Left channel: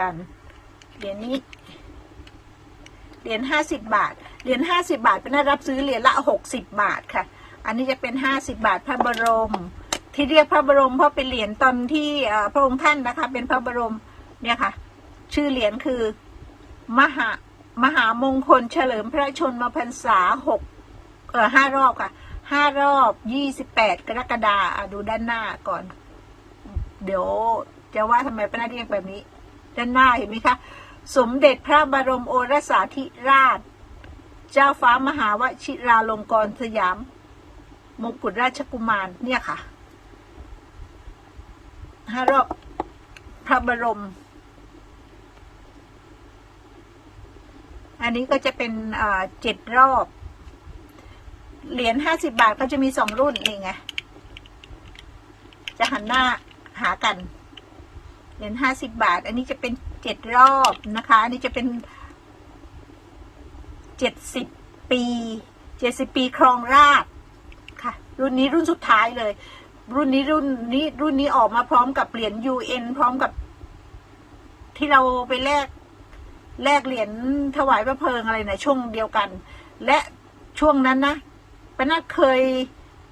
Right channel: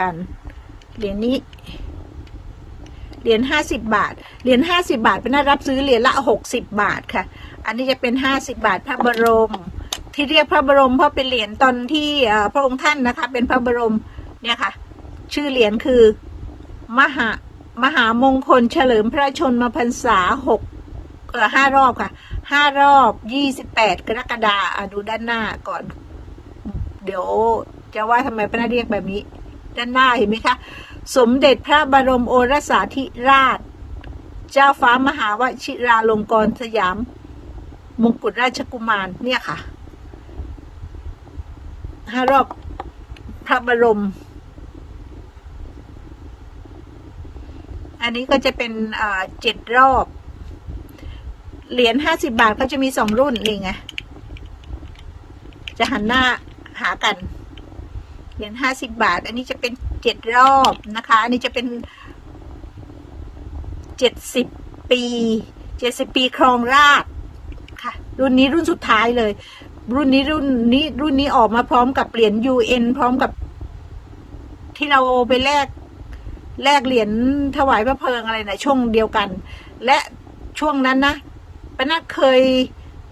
กัน เหรียญนี้ เหรียญห้าสิบบาท เหรียญห้าสิบาทเป็นน่ารับซื้อเหรียญละหกสิบบาทค่ะ อันนี้จะเป็นห้าสิบาทพระบรม ที่เรียกพระบรมเพราะเป็นเหรียญตอนที่พระองค์ท่านนะคะ เป็นพระบรมเนี่ยค่ะ ชื่อเหรียญคือ มหามหามงคลเฉลิมพระชนมพรรษาหกเอ่อห้ารอบค่ะห้ารอบยี่สิบแปดกรกฎาดูด้านหน้าก่อน เดี๋ยวจะว่าทำไมพระเรียกแบบนี้ ด้านหน้าเห็นไหมคะ สมเด็จพระบรมโอรสาธิราช เจ้าฟ้ามหาวชิราลงกรณ์สยาม มงกุฎราชกุมารเนี่ยค่ะห้ารอบพระบรม อันนี้ก็จะเป็นเจ็ดรอบ เหรียญห้าสิบบาทเขาจะมีสองรุ่นเองไงจะหันหน้าหากัน เหรียญห้าสิบาท อันนี้จะเป็นเจ็ดรอบนะคะ อันนี้จะเป็นเจ็ดสิบปีเจ็ดสิบปีครองราชค่ะ รุ่นนี้รุ่นสุดท้ายเลย รุ่นนี้รุ่นนี้รุ่นนี้ออกมาพร้อมกับเหรียญ UN พร้อมกับ ที่เราไปแลกแลกเหรียญถวายพระเพลิงอะไรนะช่วงเดียวกัน และช่วงนั้นนะปนัดเคย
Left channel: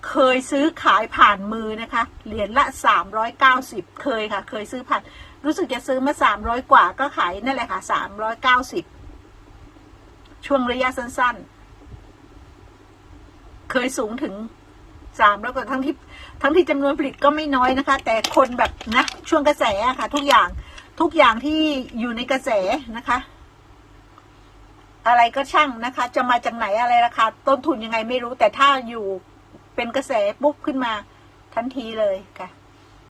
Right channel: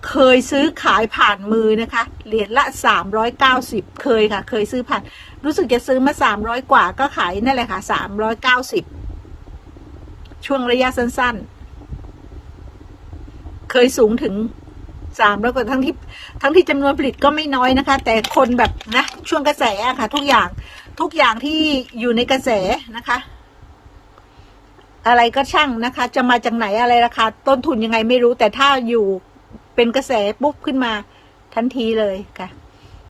เคยซื้อขายผ่านมือนะคะ เหรียญละสามร้อยเก้าสิบเคยค่ะ เคยซื้อผ่าน รู้สึกจะซื้อมาสามร้อยกว่าก็ขายนั่นแหละค่ะสามร้อยเก้าสิบช่วงระยะสั้นๆ เคยสูงถึงสามร้อยกว่าทั้งที่ทั้งที่จำนวนผลิตก็ไม่น้อยนะคะ แต่คนแบบนะช่วงกระแสะค่ะ ทุกอย่างทุกอย่างที่อยู่ในกระแสนะคะ อะไรก็ช่างนะคะ จะมาจากไหนอะไรราคาต้นทุนยังไงไม่รู้แต่ถ้าอยู่ เป็นกระแสปุ๊บขึ้นมาทันทีเลยค่ะ